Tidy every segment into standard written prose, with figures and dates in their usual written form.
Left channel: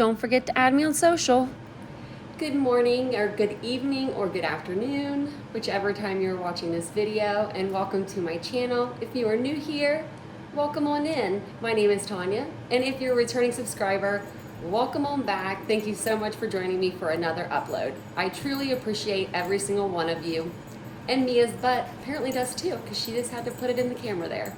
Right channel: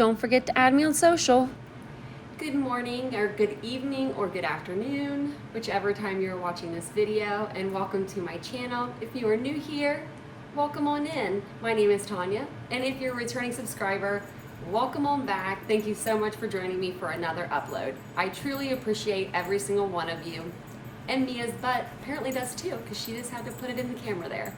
don't forget to add me on social. Good morning, or good evening, or good afternoon, whichever time you're watching this video, and welcome to my channel. If you are new here, welcome on in. My name is Tanya, and if you're a returning subscriber, welcome on back. Thank you so much for joining me for another upload. I truly appreciate every single one of you, and Mia's butt apparently does too, because she just had to put it in the camera there.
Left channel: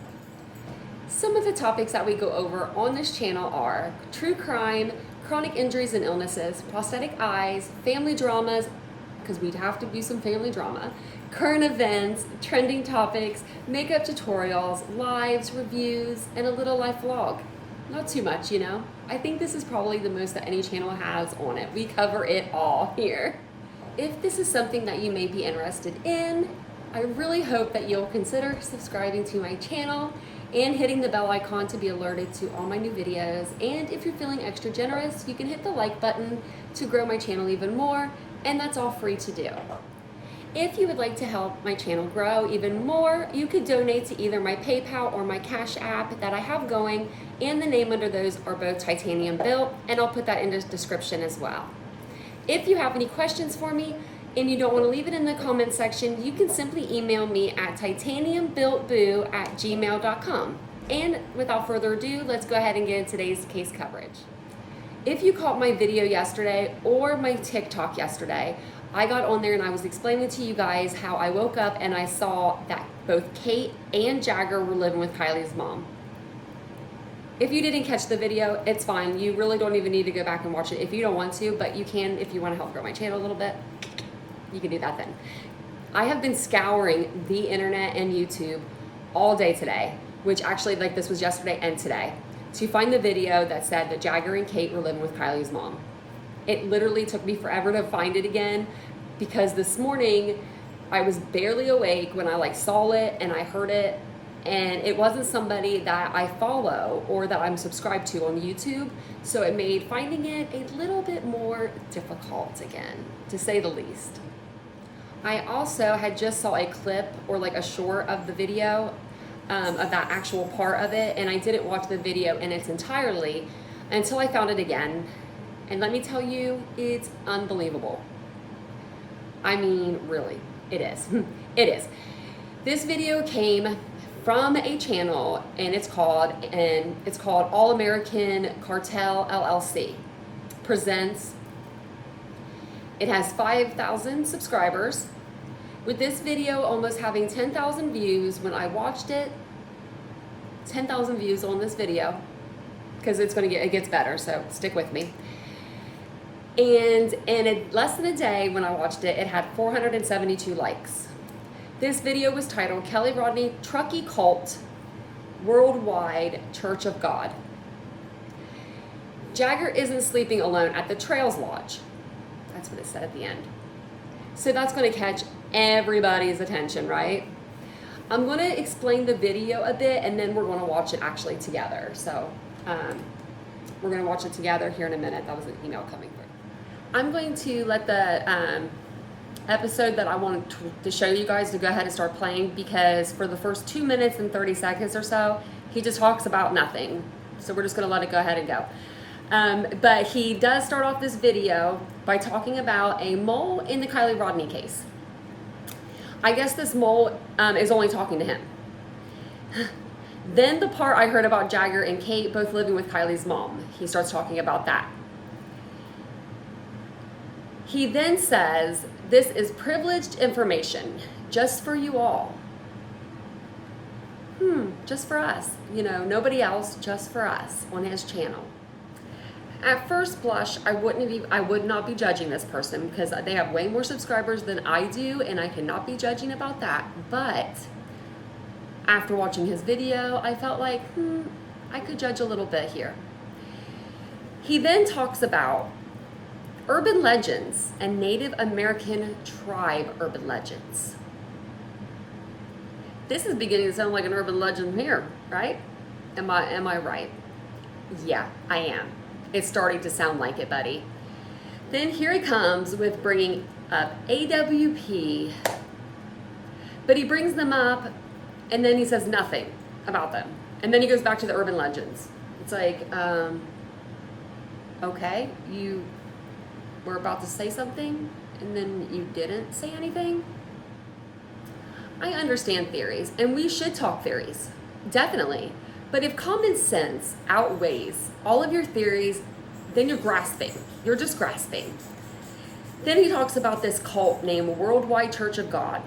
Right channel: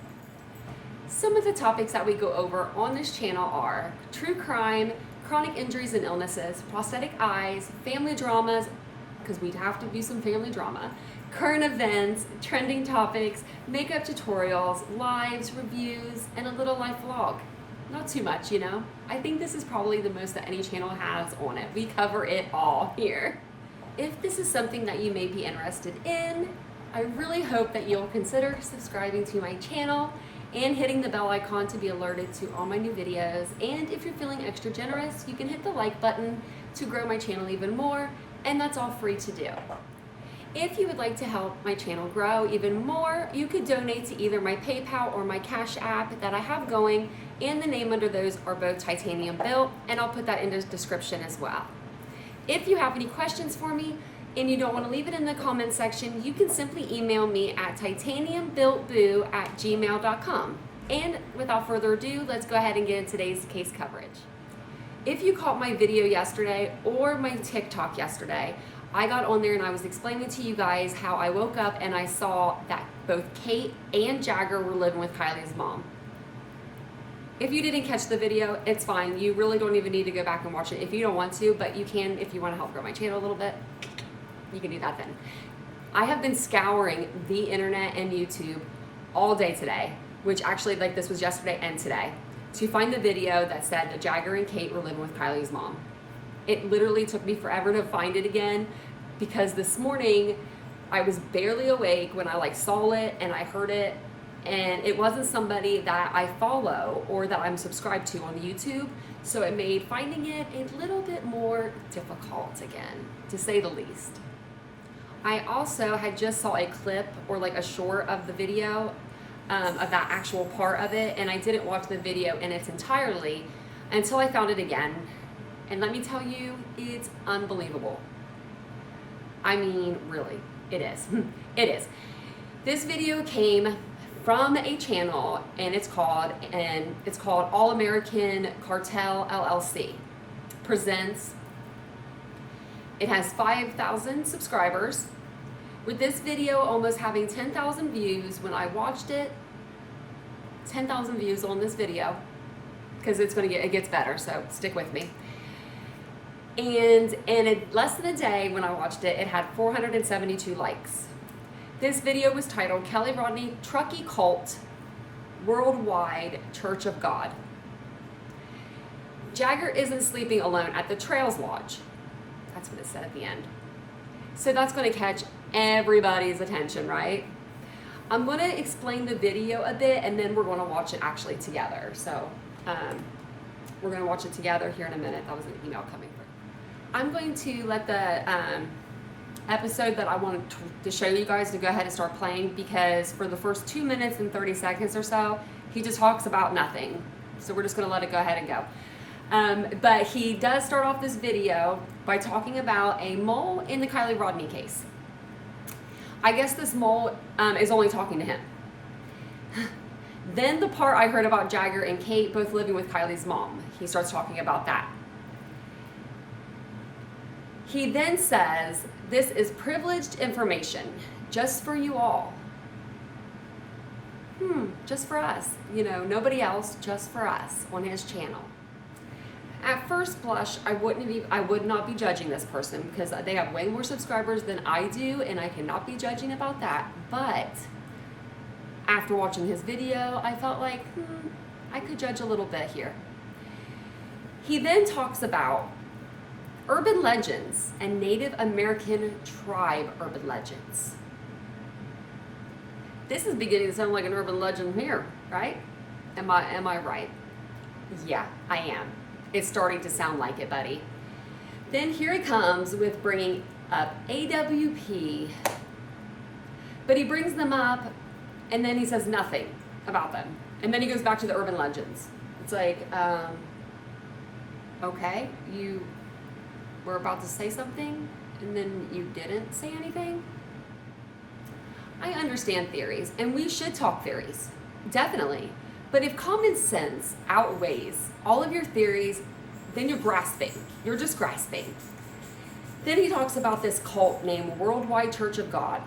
Some of the topics that we go over on this channel are true crime, chronic injuries and illnesses, prosthetic eyes, family dramas, because we'd have to do some family drama, current events, trending topics, makeup tutorials, lives, reviews, and a little life vlog. Not too much, you know? I think this is probably the most that any channel has on it. We cover it all here. If this is something that you may be interested in, I really hope that you'll consider subscribing to my channel and hitting the bell icon to be alerted to all my new videos. And if you're feeling extra generous, you can hit the like button to grow my channel even more, and that's all free to do. If you would like to help my channel grow even more, you could donate to either my PayPal or my Cash App that I have going, and the name under those are both titanium built, and I'll put that in the description as well. If you have any questions for me, and you don't want to leave it in the comment section, you can simply email me at titaniumbuiltboo@gmail.com. And without further ado, let's go ahead and get into today's case coverage. If you caught my video yesterday or my TikTok yesterday, I got on there and I was explaining to you guys how I woke up and I saw that both Kate and Jagger were living with Kiely's mom. If you didn't catch the video, it's fine. You really don't even need to go back and watch it if you don't want to, but you can if you want to help grow my channel a little bit. You can do that then. I have been scouring the internet and YouTube all day today, which actually, like, this was yesterday and today, to find the video that said that Jagger and Kate were living with Kiely's mom. It literally took me forever to find it again, because this morning I was barely awake when I saw it and I heard it, and it wasn't somebody that I follow or that I'm subscribed to on YouTube, so it made finding it a little bit more difficult again, to say the least. I also had just saw a clip or a short of the video of that actual part of it, and I didn't watch the video in its entirety until I found it again. And let me tell you, it's unbelievable. I mean, really, it is. It is. This video came from a channel, and it's called American-Cartel LLC presents. It has 5,000 subscribers, with this video almost having 10,000 views when I watched it. 10,000 views on this video, because it gets better, so stick with me. And in less than a day when I watched it, it had 472 likes. This video was titled Kelly Rodni Truckee Cult Worldwide Church of God. Jagger isn't sleeping alone at the Trails Lodge. That's what it said at the end. So that's going to catch everybody's attention, right? I'm going to explain the video a bit, and then we're going to watch it actually together. So we're going to watch it together here in a minute. That was an email coming through. I'm going to let the episode that I wanted to show you guys to go ahead and start playing, because for the first 2 minutes and 30 seconds or so, he just talks about nothing. So we're just going to let it go ahead and go. But he does start off this video by talking about a mole in the Kiely Rodni case. I guess this mole is only talking to him. Then the part I heard about Jagger and Kate both living with Kiely's mom, he starts talking about that. He then says, "This is privileged information, just for you all." Just for us, you know, nobody else, just for us on his channel. At first blush, I would not be judging this person, because they have way more subscribers than I do, and I cannot be judging about that. But after watching his video, I felt like, I could judge a little bit here. He then talks about urban legends and Native American tribe urban legends. This is beginning to sound like an urban legend here, right? Am I right? Yeah, I am. It's starting to sound like it, buddy. Then here he comes with bringing up AWP, but he brings them up and then he says nothing about them. And then he goes back to the urban legends. It's like, Okay, you were about to say something and then you didn't say anything. I understand theories, and we should talk theories, definitely. But if common sense outweighs all of your theories, then you're grasping. You're just grasping. Then he talks about this cult named Worldwide Church of God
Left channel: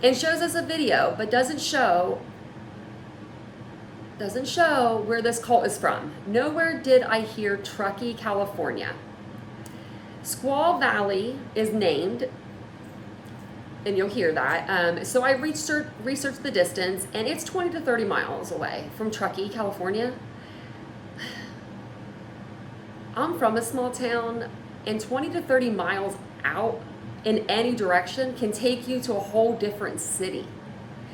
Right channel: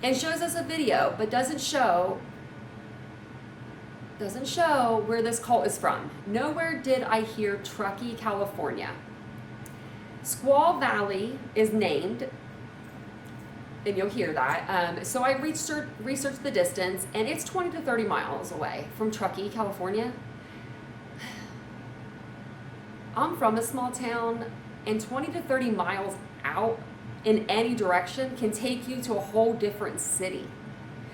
and shows us a video, but doesn't show where this cult is from. Nowhere did I hear Truckee, California. Squaw Valley is named, and you'll hear that. So I researched the distance, and it's 20 to 30 miles away from Truckee, California. I'm from a small town, and 20 to 30 miles out in any direction can take you to a whole different city.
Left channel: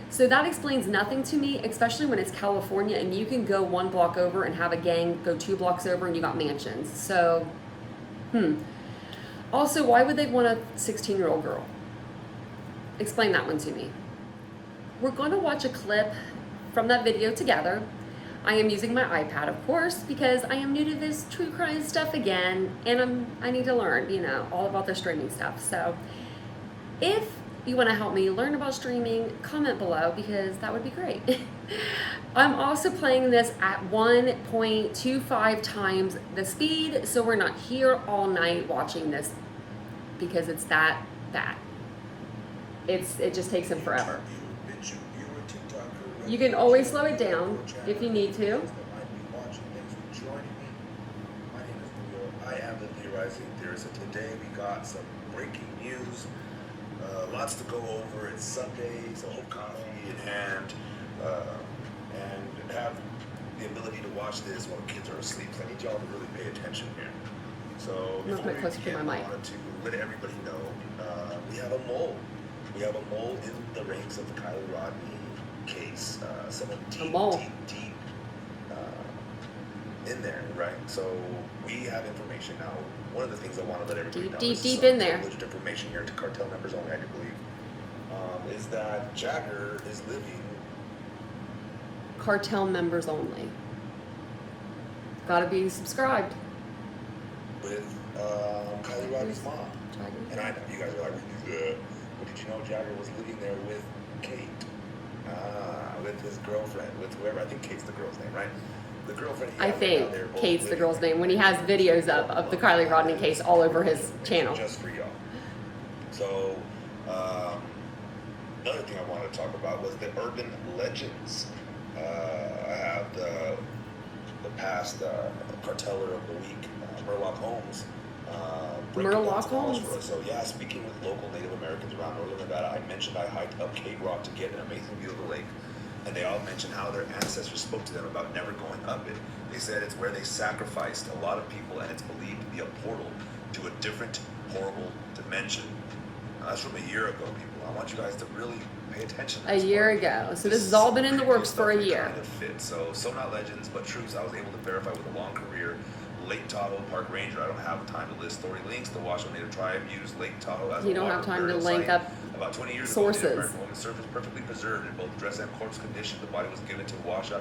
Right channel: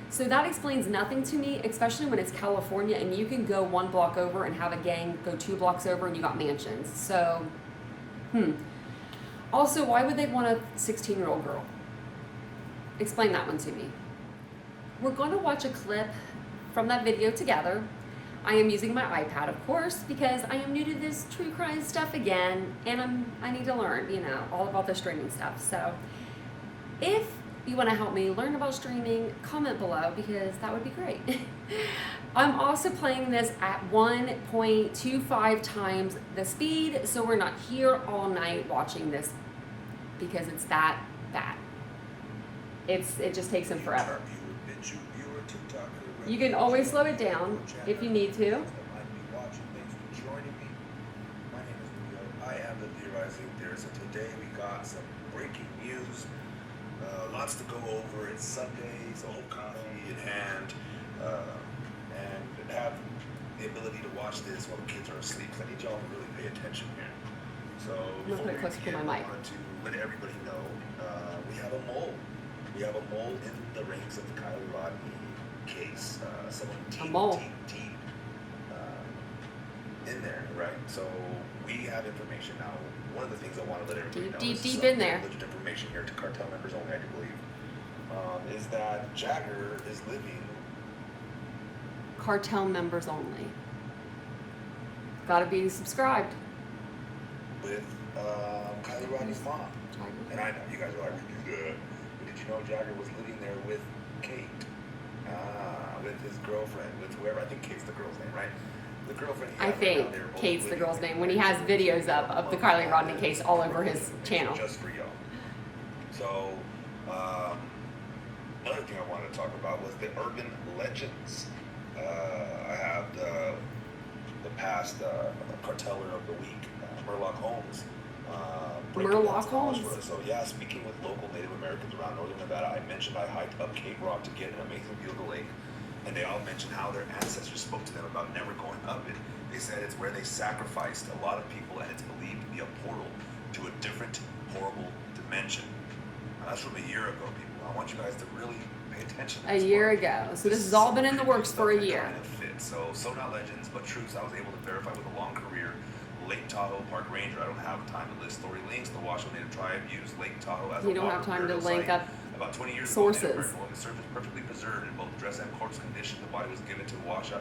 So that explains nothing to me, especially when it's California and you can go 1 block over and have a gang go 2 blocks over and you got mansions. So, Also, why would they want a 16-year-old girl? Explain that one to me. We're going to watch a clip from that video together. I am using my iPad, of course, because I am new to this true crime stuff again, and I need to learn, all about the streaming stuff. So if you want to help me learn about streaming, comment below, because that would be great. I'm also playing this at 1.25 times the speed, so we're not here all night watching this because it's that bad. It just takes them forever. You can always slow it down if you need to. I am the theorizing theorist, and today we got some breaking news. Lots to go over. It's Sunday, so hold coffee in hand, and have the ability to watch this while the kids are asleep. So I need y'all to really pay attention here. So before we begin, I wanted to let everybody know we have a mole. We have a mole in the ranks of the Kiely Rodni case. Someone deep in there, right? So we have information now. One of the things I want to let everybody know is deep in there. Privileged information here to cartel members only, I do believe, is that Jagger is living. Cartel members only. Gotta be subscribed. With Kiely Rodni's mom. And I know you guys are like, we do that. But did you know Jagger was living there with Kate? With his girlfriend, with whoever. I think Kate's the girl's name, right? The girlfriend. I think Kate's the girl's name when he has videos up of the Kiely Rodni case all over his channel. Just for y'all. So, another thing I wanted to talk about was the urban legends. I have the past carteller of the week, Murloc Holmes. Murloc Holmes. For us. So yeah, speaking with local Native Americans around northern Nevada, I mentioned I hiked up Cape Rock to get an amazing view of the lake. And they all mentioned how their ancestors spoke to them about never going up it. They said it's where they sacrificed a lot of people, and it's believed to be a portal to a different, horrible dimension. Now, that's from a year ago, people. I want you guys to really pay attention to this. A year ago. So this has all been in the works for a year. Kind of fit. So not legends, but truths I was able to verify with a long career. Lake Tahoe Park Ranger. I don't have time to list story links. The Washoe Native Tribe used Lake Tahoe as you don't have time to link up about 20 years sources. ago, Native American woman served as perfectly preserved in both dress and corpse condition. The body was given to the Washoe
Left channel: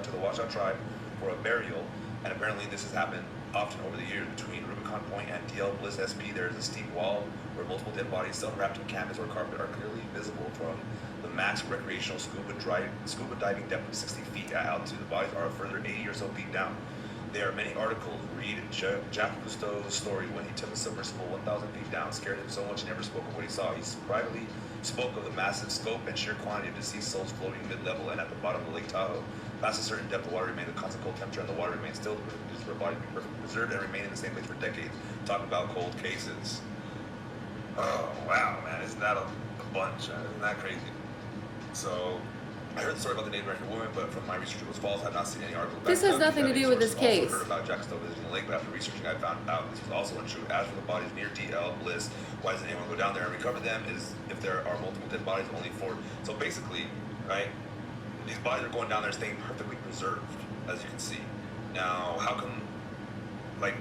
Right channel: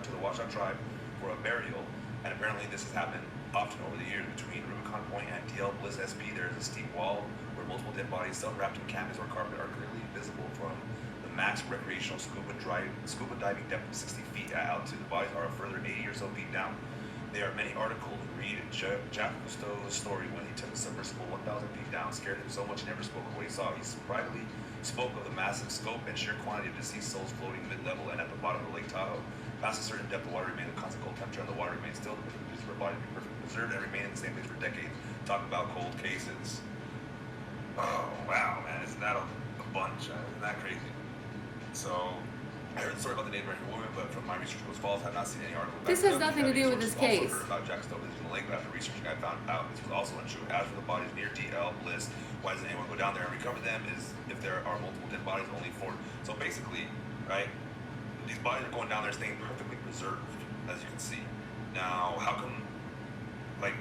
tribe for a burial, and apparently this has happened often over the years. Between Rubicon Point and DL Bliss SP, there is a steep wall where multiple dead bodies, some wrapped in canvas or carpet, are clearly visible from the max recreational scuba diving depth of 60 feet at altitude. The bodies are a further 80 or so feet down. There are many articles. Read Jacques Cousteau's story when he took a submersible 1,000 feet down, scared him so much he never spoke of what he saw. He privately spoke of the massive scope and sheer quantity of deceased souls floating mid-level and at the bottom of the Lake Tahoe. Past a certain depth, the water remains a constant cold temperature, and the water remains still. The conditions for a body to be perfectly preserved and remain in the same place for decades. Talk about cold cases. Oh, wow, man. Isn't that a bunch? Isn't that crazy? So, I heard the story about the Native American woman, but from my research, it was false. I have not seen any article. This has nothing to do with this case. I also heard about Jack Stowe visiting the lake, but after researching, I found out this was also untrue. As for the bodies near DL Bliss, why doesn't anyone go down there and recover them? Is if there are multiple dead bodies, only 4. So basically, right, these bodies are going down there staying perfectly preserved, as you can see. Now, how come, like,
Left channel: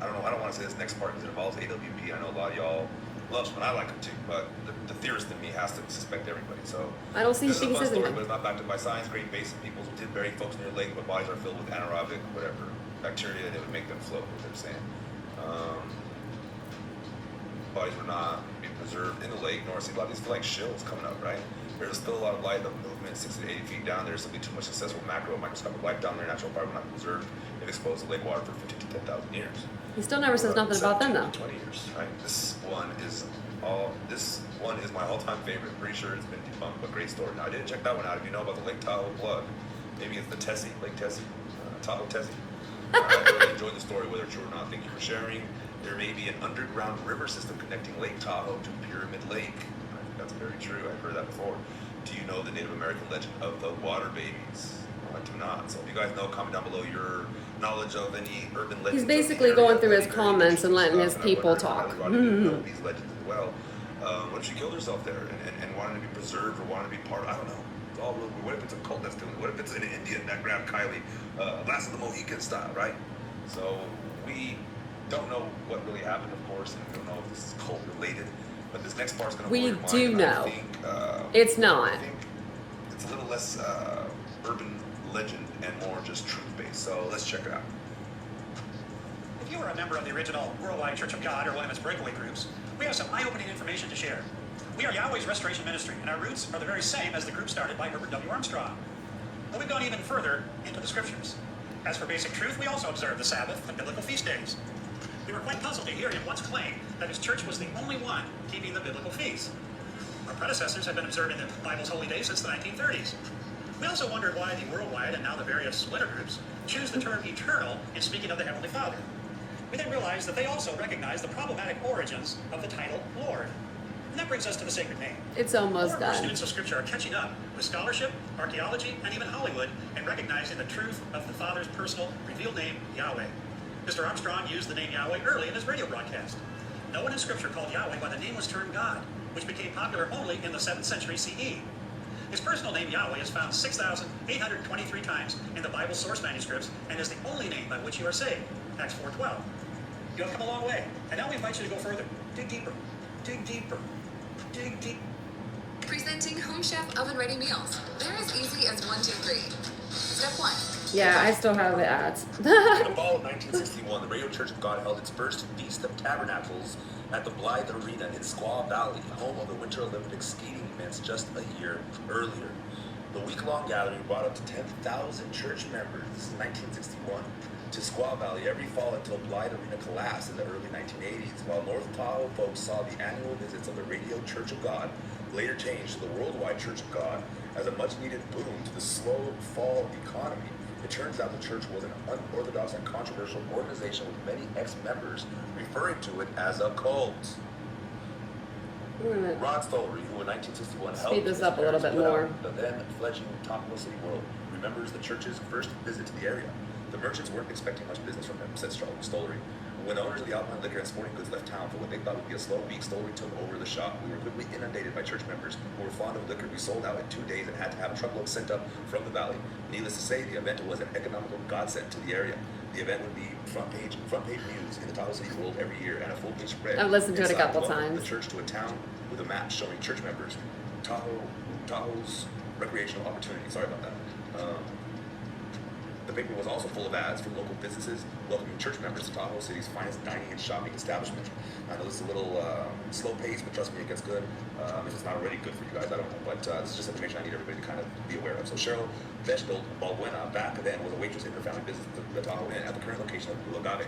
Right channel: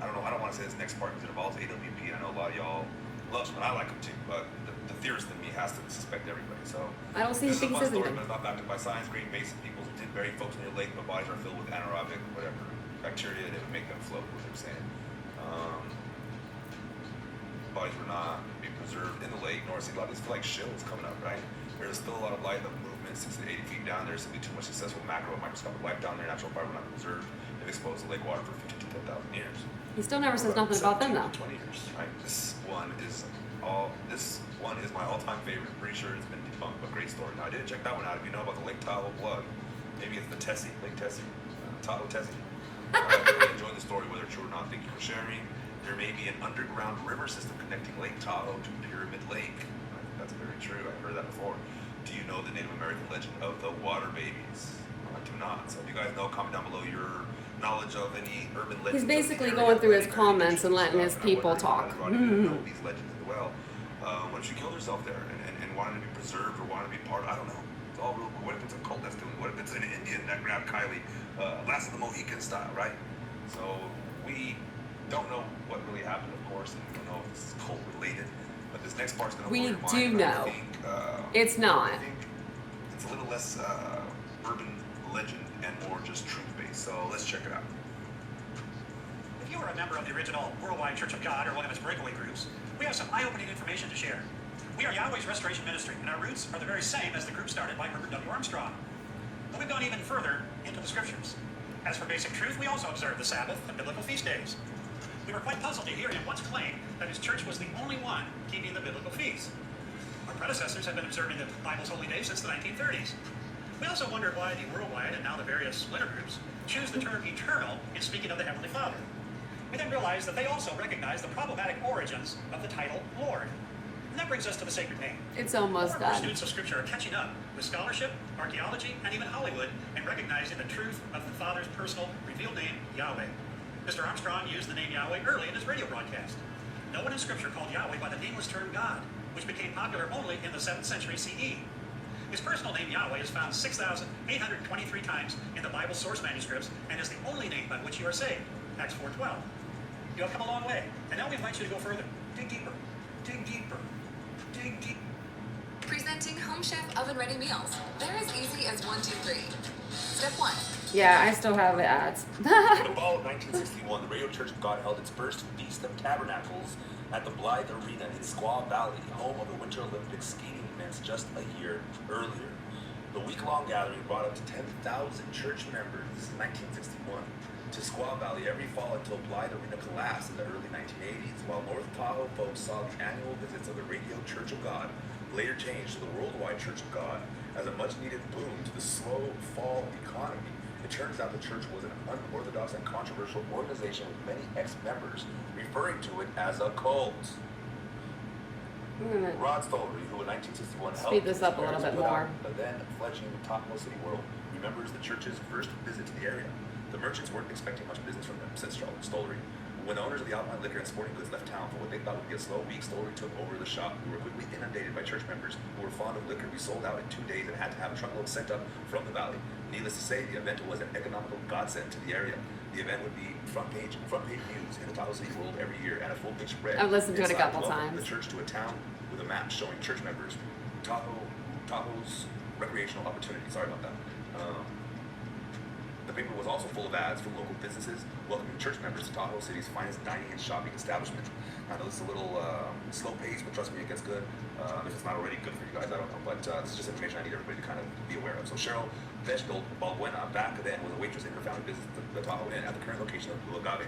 I don't know, I don't want to say this next part because it involves AWP. I know a lot of y'all loves them, and I like them too, but the theorist in me has to suspect everybody. So I don't see this is a things fun as story, anything. but it's not backed up by science. Great basic peoples did bury folks near lake, but bodies are filled with anaerobic, whatever, bacteria that would make them float, what they're saying. Bodies were not being preserved in the lake, nor see a lot of these feel like shills coming up, right? There's still a lot of light of movement 60 to 80 feet down there. Simply too much successful macro and microscopic life down there. Natural fire will not be preserved if exposed to lake water for 15 to 10,000 years. He still never says nothing about them though. 20 years, right? This one is my all-time favorite. Pretty sure it's been debunked, but great story. Now I didn't check that one out. If you know about the Lake Tahoe blood, maybe it's the Tessie, Lake Tessie, Tahoe Tessie. I really enjoyed the story, whether true or not. Thank you for sharing. There may be an underground river system connecting Lake Tahoe to Pyramid Lake. I think that's very true. I've heard that before. Do you know the Native American legend of the water babies? No, I do not. So if you guys know, comment down below your knowledge of any urban legends. He's basically going through his comments and letting his people talk. Know these legends as well. What if she killed herself there and wanted to be preserved or wanted to be part of, I don't know. It's all real. What if it's a cult that's doing it? What if it's an Indian that grabbed Kiely, Last of the Mohican style, right? So we don't know what really happened, of course, and we don't know if this is cult related. But this next part's going to blow your mind. We do know. I think, it's not. I think it's a little less urban legend and more just truth-based. So let's check it out. If you are a member of the original Worldwide Church of God or one of its breakaway groups, we have some eye-opening information to share. We are Yahweh's Restoration Ministry, and our roots are the very same as the group started by Herbert W. Armstrong. But we've gone even further into the scriptures. As for basic truth, we also observe the Sabbath and biblical feast days. We were quite puzzled to hear him once claim that his church was the only one keeping the biblical feasts. Our predecessors had been observing the Bible's holy days since the 1930s. We also wondered why the worldwide and now the various splinter groups choose the term eternal in speaking of the Heavenly Father. We then realized that they also recognize the problematic origins of the title Lord. And that brings us to the sacred name. It's almost More and more done. students of Scripture are catching up with scholarship, archaeology, and even Hollywood in recognizing the truth of the Father's personal revealed name, Yahweh. Mr. Armstrong used the name Yahweh early in his radio broadcast. No one in Scripture called Yahweh by the nameless term God, which became popular only in the 7th century CE. His personal name Yahweh is found 6,823 times in the Bible's source manuscripts and is the only name by which you are saved, Acts 4:12. You have come a long way, and now we invite you to go further. Dig deeper, dig deeper, dig deep. Presenting Home Chef oven-ready meals. They're as easy as 1, 2, 3. Step 1. Yeah, I still have the ads. In the fall of 1961, the Radio Church of God held its first Feast of Tabernacles at the Blythe Arena in Squaw Valley, home of the Winter Olympic skating events just a year earlier. The week-long gathering brought up to 10,000 church members, this is 1961, to Squaw Valley every fall until Blythe Arena collapsed in the early 1980s, while North Tahoe folks saw the annual visits of the Radio Church of God later changed to the Worldwide Church of God as a much-needed boom to the slow fall economy. It turns out the church was an unorthodox and controversial organization with many ex-members referring to it as a cult. Rod Stollery, who in 1961 helped speed this up a little bit more. The then fledgling Tahoe City world, remembers the church's first visit to the area. The merchants weren't expecting much business from them, said Stollery. When the owners of the Alpine Liquor and Sporting Goods left town for what they thought would be a slow week, Stollery took over the shop. We were quickly inundated by church members who were fond of liquor. We sold out in 2 days and had to have a truckload sent up from the valley. Needless to say, the event was an economical godsend to the area. The event would be front page news in the Tahoe City world every year and a full-page spread. I've listened to it a couple welcomed times. The church to a town with a map showing church members Tahoe's recreational opportunity. Sorry about that. The paper was also full of ads from local businesses welcoming church members to Tahoe City's finest dining and shopping establishment. I know this is a little slow pace, but trust me, it gets good. If it's not already good for you guys, I don't know. But this is just information I need everybody to kind of be aware of. So Cheryl Balbuena back then was a waitress in her family business, the Tahoe Inn, at the current location of 𝒂𝒂𝒏𝒏𝒆𝒍.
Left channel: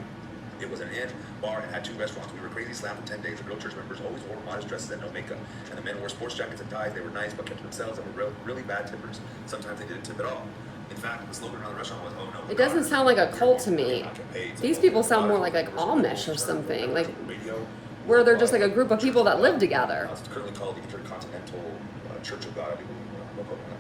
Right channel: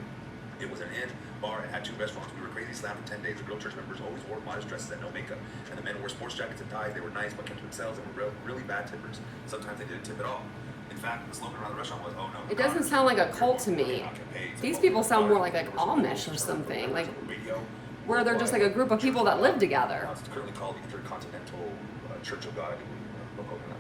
It was an inn, bar, and had 2 restaurants. We were crazy slammed for 10 days. The girl church members always wore modest dresses and no makeup. And the men wore sports jackets and ties. They were nice, but kept to themselves and were really bad tippers. Sometimes they didn't tip at all. In fact, the slogan around the restaurant was, "Oh no." It doesn't sound like a cult to me. These people sound more like Amish or something, like where they're just like a group of people that live together. It's currently called the Intercontinental Church of God. I think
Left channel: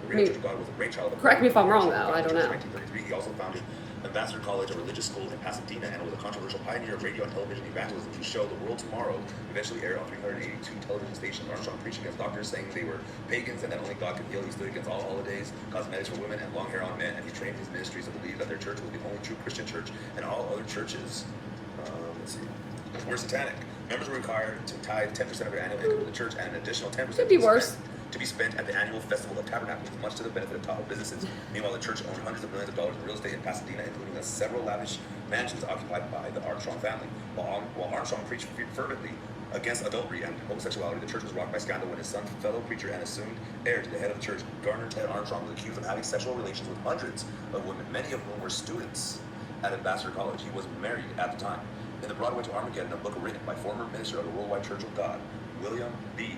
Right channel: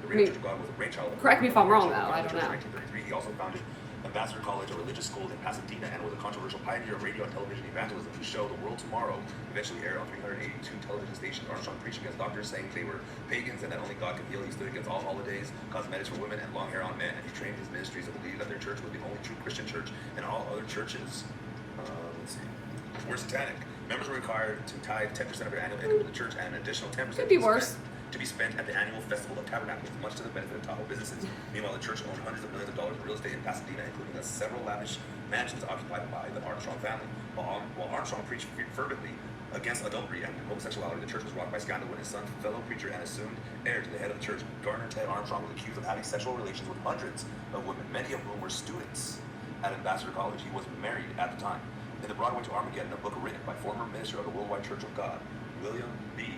the Radio Church of God was a brainchild of. Correct me if I'm wrong, though. I don't know. In 1933, he also founded Ambassador College, a religious school in Pasadena, and was a controversial pioneer of radio and television evangelism. His show, The World Tomorrow, eventually aired on 382 television stations. Armstrong preached against doctors, saying they were pagans and that only God could heal. He stood against all holidays, cosmetics for women, and long hair on men. And he trained his ministries to believe that their church was the only true Christian church, and all other churches. Let's see. were satanic. Members were required to tithe 10% of their annual income to the church and an additional 10% Could be worse. to be spent at the annual Festival of Tabernacles, much to the benefit of Tahoe businesses. Meanwhile, the church owned hundreds of millions of dollars in real estate in Pasadena, including the several lavish mansions occupied by the Armstrong family. While Armstrong preached fervently against adultery and homosexuality, the church was rocked by scandal when his son, fellow preacher, and assumed heir to the head of the church, Garner Ted Armstrong, was accused of having sexual relations with hundreds of women, many of whom were students at Ambassador College. He was married at the time. In the Broadway to Armageddon, a book written by former minister of the Worldwide Church of God, William B.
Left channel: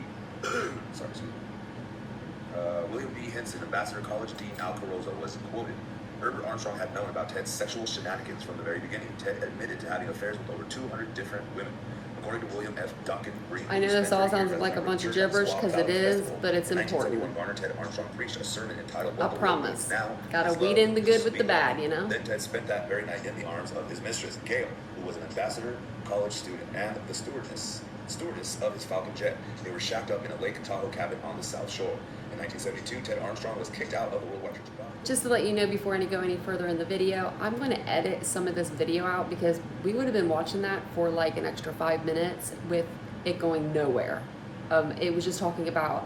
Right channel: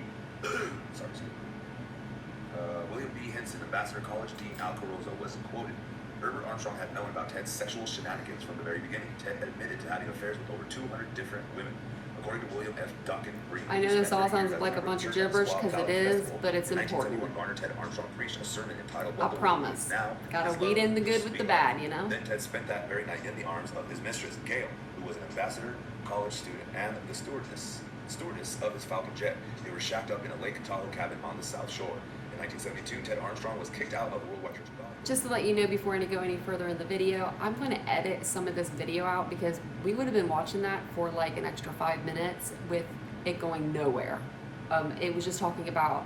William B. Hinson, Ambassador College Dean Al Carozo, was quoted. Herbert Armstrong had known about Ted's sexual shenanigans from the very beginning. Ted admitted to having affairs with over 200 different women. According to William F. Duncan Green, I know this all sounds like a bunch of gibberish because it is, but it's important. Garner Ted Armstrong preached a sermon entitled I promise. Gotta weed in the good with the bad, you know? Then Ted spent that very night in the arms of his mistress, Gail, who was an Ambassador College student and the stewardess of his Falcon jet. They were shacked up in a Lake Tahoe cabin on the South Shore. In 1972, Ted Armstrong was kicked out of the Worldwide Church of God. Just to let you know before I go any further in the video, I'm going to edit some of this video out because we would have been watching that for like an extra 5 minutes with it going nowhere. It was just talking about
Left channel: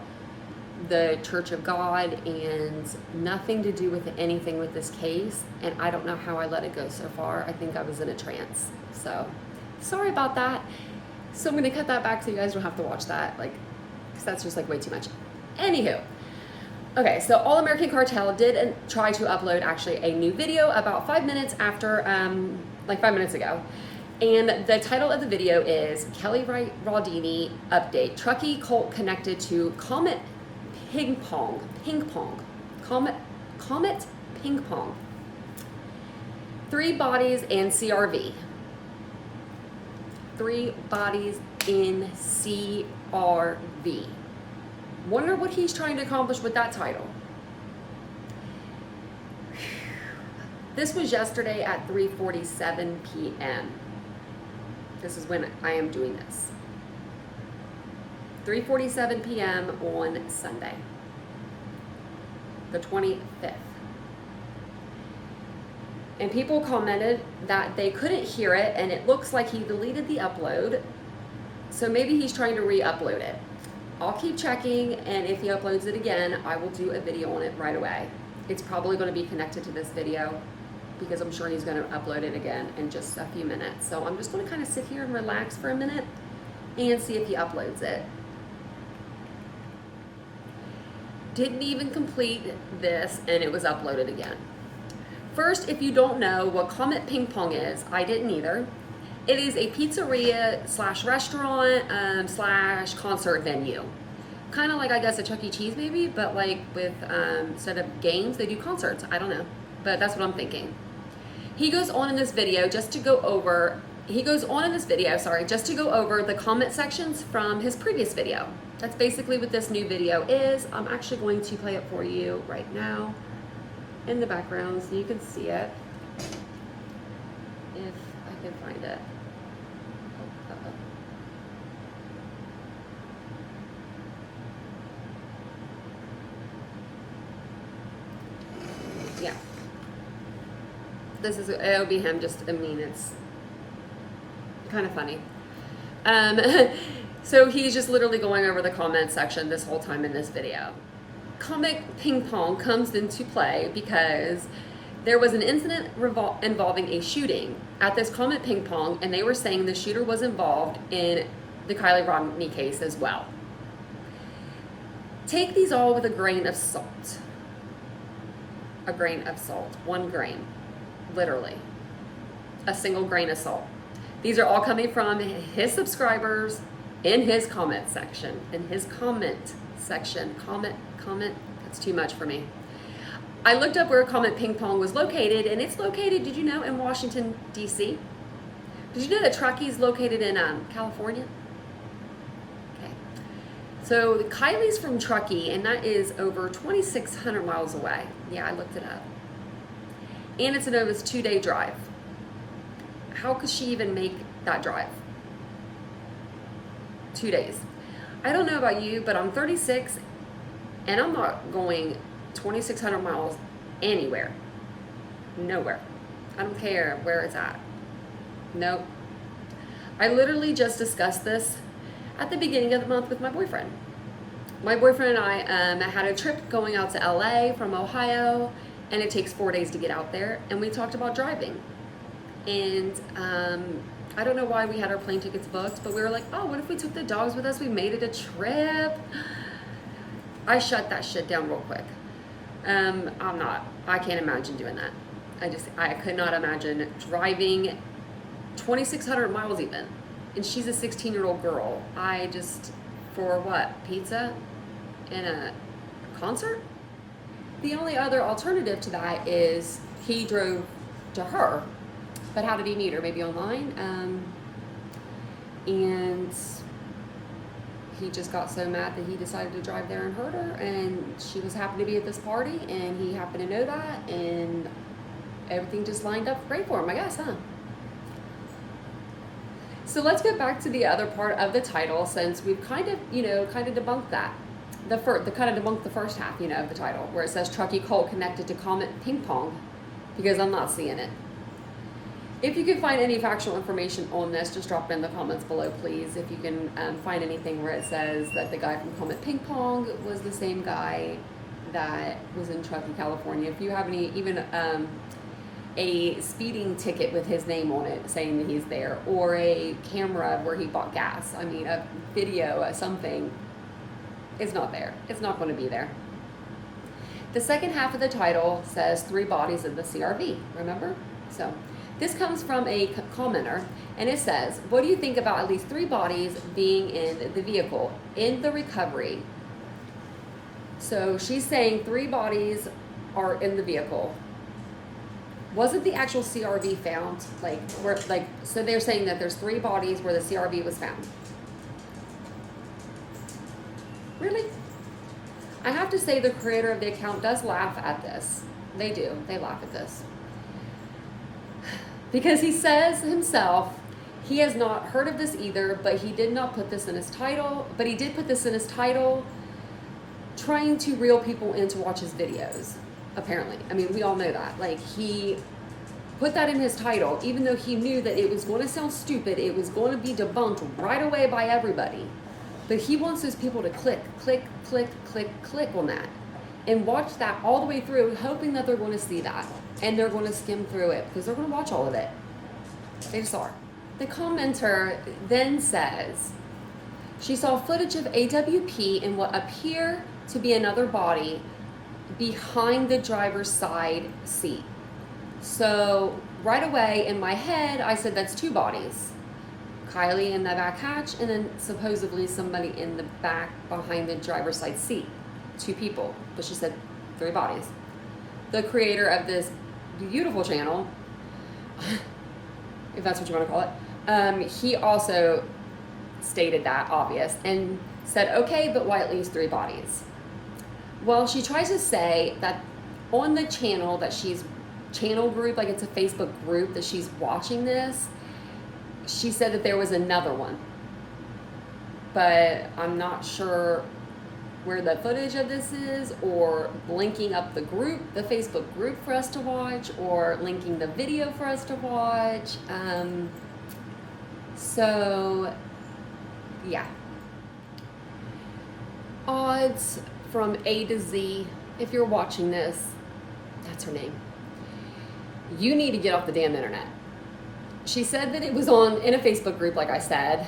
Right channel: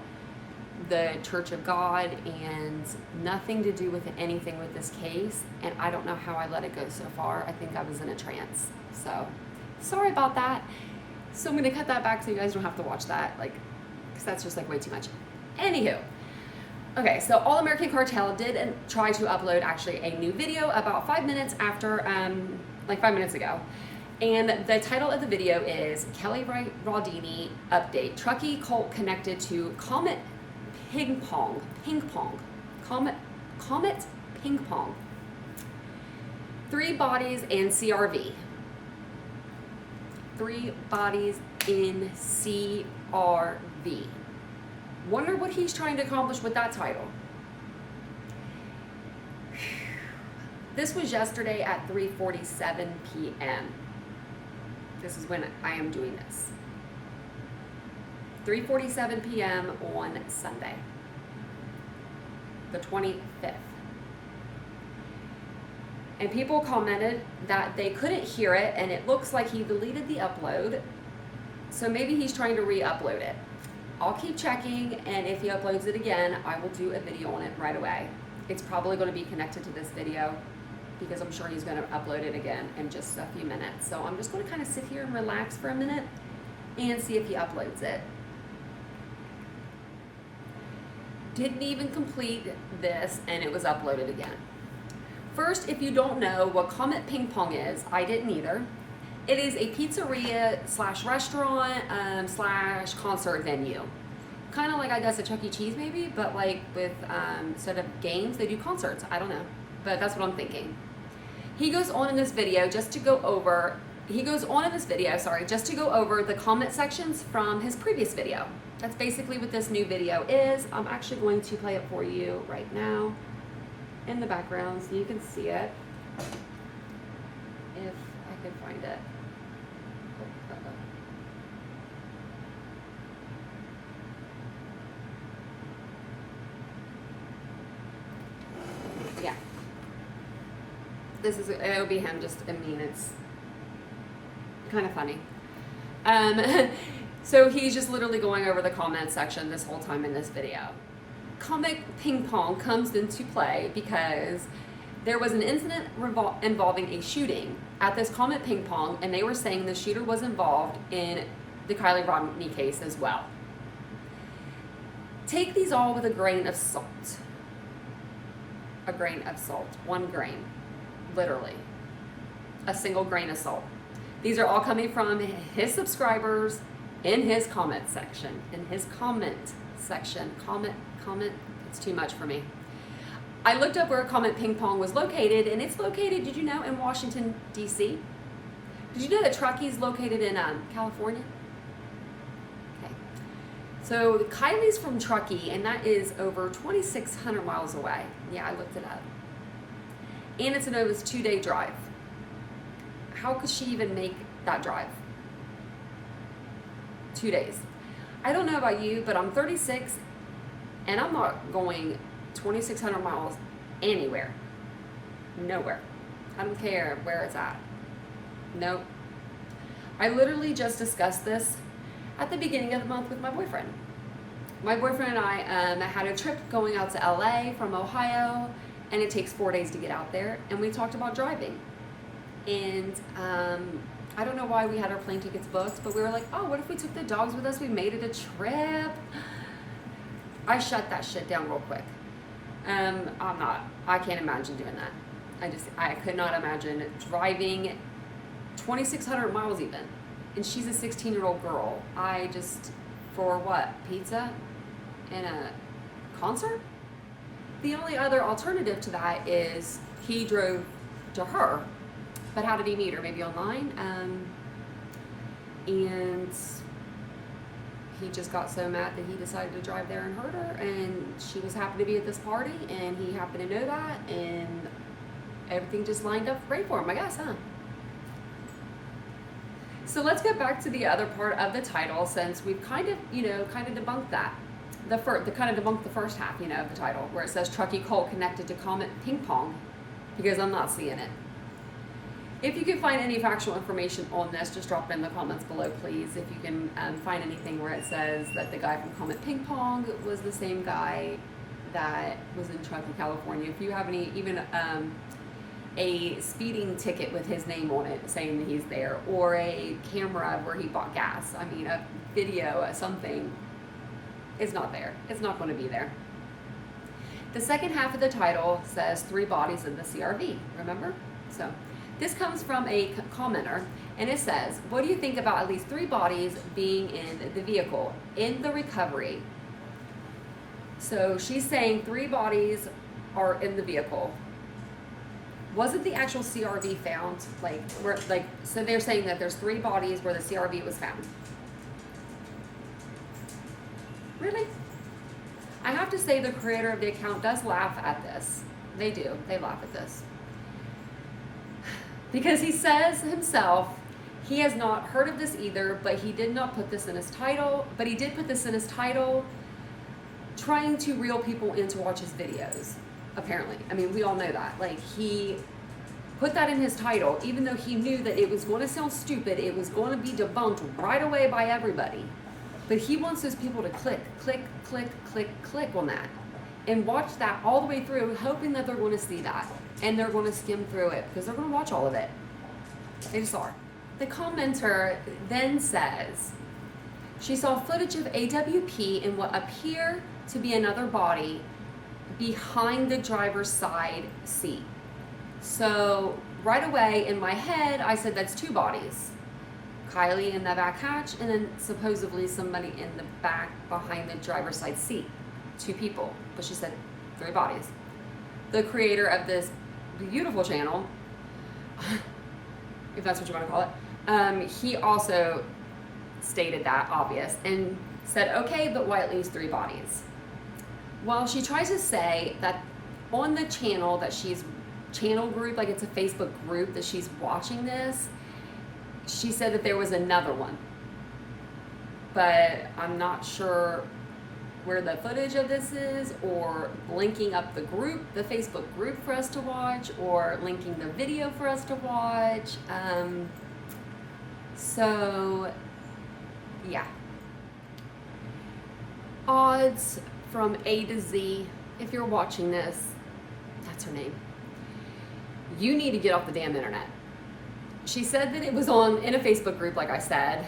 the Church of God and nothing to do with anything with this case. And I don't know how I let it go so far. I think I was in a trance. So sorry about that. So I'm going to cut that back so you guys don't have to watch that, like, because that's just like way too much. Anywho. Okay, so All American Cartel did try to upload actually a new video about 5 minutes after, like 5 minutes ago. And the title of the video is Kelly Rodni Update. Truckee cult connected to Comet Ping Pong. Comet Ping Pong. 3 bodies and CRV. 3 bodies in CRV. Wonder what he's trying to accomplish with that title. This was yesterday at 3:47 p.m. This is when I am doing this. 3:47 p.m. on Sunday, the 25th. And people commented that they couldn't hear it, and it looks like he deleted the upload. So maybe he's trying to re-upload it. I'll keep checking, and if he uploads it again, I will do a video on it right away. It's probably going to be connected to this video because I'm sure he's going to upload it again in just a few minutes. So I'm just going to kind of sit here and relax for a minute and see if he uploads it. Didn't even complete this, and it was uploaded again. First, if you don't know what Comet Ping Pong is, I didn't either. It is a pizzeria slash restaurant slash concert venue. Kind of like, I guess, a Chuck E. Cheese maybe, but like with, instead of games, they do concerts. I don't know, but that's what I'm thinking. He goes on in this video just to go over, just to go over the comment sections from his previous video. That's basically what this new video is. I'm actually going to play it for you right now in the background so you can see it. If I can find it. Yeah. It'll be him, just, I mean, it's kind of funny. So he's just literally going over the comment section this whole time in this video. Comet Ping Pong comes into play because there was an incident involving a shooting at this Comet Ping Pong, and they were saying the shooter was involved in the Kiely Rodni case as well. Take these all with a grain of salt. A grain of salt. 1 grain. Literally. A single grain of salt. These are all coming from his subscribers in his comment section. Comment. That's too much for me. I looked up where Comet Ping Pong was located, and it's located, did you know, in Washington, D.C.? Did you know that Truckee is located in California? Okay. So Kiely's from Truckee, and that is over 2,600 miles away. Yeah, I looked it up. And it's an almost 2-day drive. How could she even make that drive? 2 days. I don't know about you, but I'm 36, and I'm not going 2,600 miles anywhere. Nowhere. I don't care where it's at. Nope. I literally just discussed this at the beginning of the month with my boyfriend. My boyfriend and I had a trip going out to LA from Ohio, and it takes 4 days to get out there, and we talked about driving. And I don't know why we had our plane tickets booked, but we were like, oh, what if we took the dogs with us? We made it a trip. I shut that shit down real quick. I can't imagine doing that. I could not imagine driving 2,600 miles even. And she's a 16-year-old girl. For what? Pizza? And a concert? The only other alternative to that is he drove to her. But how did he meet her? Maybe online? And he just got so mad that he decided to drive there and hurt her, and she was happy to be at this party, and he happened to know that, and everything just lined up great for him, I guess, huh? So let's get back to the other part of the title, since we've kind of debunked that. Kind of debunked the first half, of the title, where it says Truckee Colt connected to Comet Ping Pong, because I'm not seeing it. If you can find any factual information on this, just drop it in the comments below, please. If you can find anything where it says that the guy from Comet Ping Pong was the same guy that was in Truckee, California. If you have even a speeding ticket with his name on it saying that he's there, or a camera where he bought gas, a video, something, it's not there. It's not going to be there. The second half of the title says 3 bodies of the CRV, remember? So this comes from a commenter, and it says, what do you think about at least 3 bodies being in the vehicle in the recovery? So she's saying 3 bodies are in the vehicle. Wasn't the actual CRV found? So they're saying that there's 3 bodies where the CRV was found. Really? I have to say the creator of the account does laugh at this. They do. They laugh at this. Because he says himself, he has not heard of this either, but he did not put this in his title. But he did put this in his title trying to reel people in to watch his videos, apparently. We all know that. He put that in his title, even though he knew that it was going to sound stupid, it was going to be debunked right away by everybody. But he wants those people to click on that and watch that all the way through, hoping that they're going to see that. And they're going to skim through it because they're going to watch all of it. They just are. The commenter then says, she saw footage of AWP in what appear to be another body behind the driver's side seat. So right away in my head, I said that's 2 bodies. Kiely in the back hatch, and then supposedly somebody in the back behind the driver's side seat. 2 people, but she said 3 bodies. The creator of this beautiful channel, if that's what you want to call it, he also stated that obvious and said, okay, but why at least 3 bodies? Well, she tries to say that on the channel that she's channel group, it's a Facebook group that she's watching this, she said that there was another one, but I'm not sure where the footage of this is, or linking up the group, the Facebook group for us to watch, or linking the video for us to watch. So yeah, odds from A to Z. If you're watching this, that's her name. You need to get off the damn internet. She said that it was in a Facebook group, like I said.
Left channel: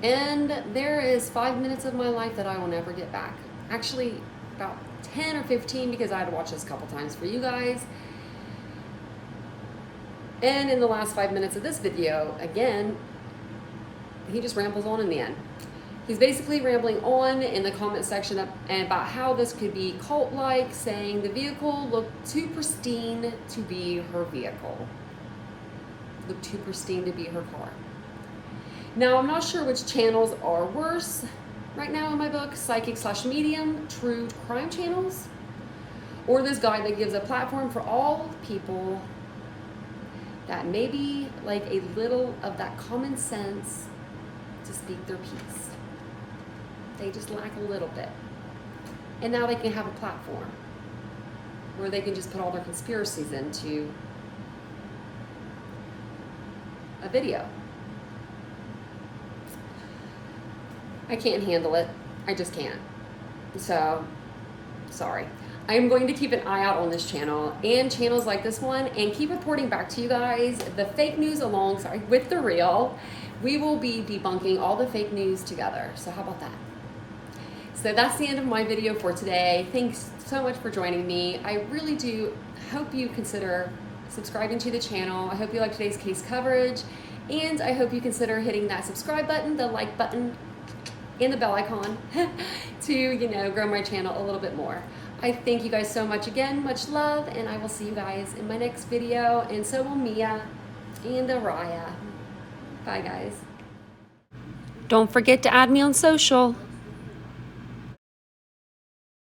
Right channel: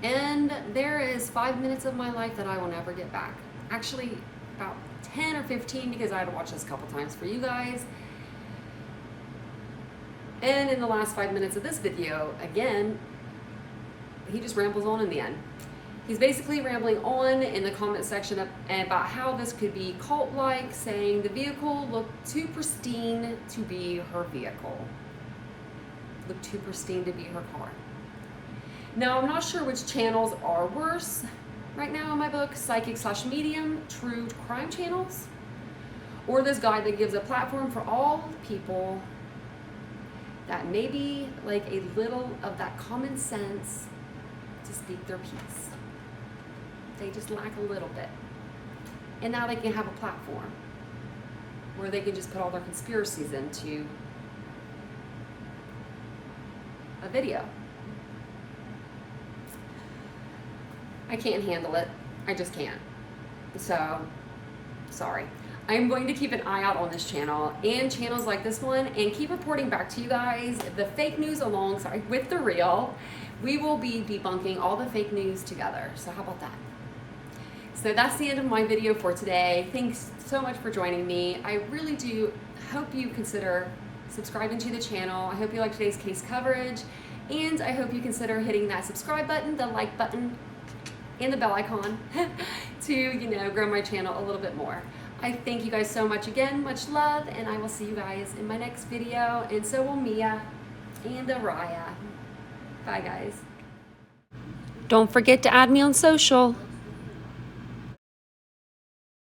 And there is 5 minutes of my life that I will never get back. Actually, about 10 or 15, because I had to watch this a couple times for you guys. And in the last 5 minutes of this video, again, he just rambles on in the end. He's basically rambling on in the comment section about how this could be cult-like, saying the vehicle looked too pristine to be her vehicle. Looked too pristine to be her car. Now, I'm not sure which channels are worse right now in my book, psychic/medium, true crime channels, or this guy that gives a platform for all people that maybe like a little of that common sense to speak their piece. They just lack a little bit. And now they can have a platform where they can just put all their conspiracies into a video. I can't handle it. I just can't. So, sorry. I am going to keep an eye out on this channel and channels like this one and keep reporting back to you guys the fake news alongside with the real. We will be debunking all the fake news together. So how about that? So that's the end of my video for today. Thanks so much for joining me. I really do hope you consider subscribing to the channel. I hope you like today's case coverage, and I hope you consider hitting that subscribe button, the like button, and the bell icon to, you know, grow my channel a little bit more. I thank you guys so much again, much love, and I will see you guys in my next video, and so will Mia and Araya. Bye guys. Don't forget to add me on social.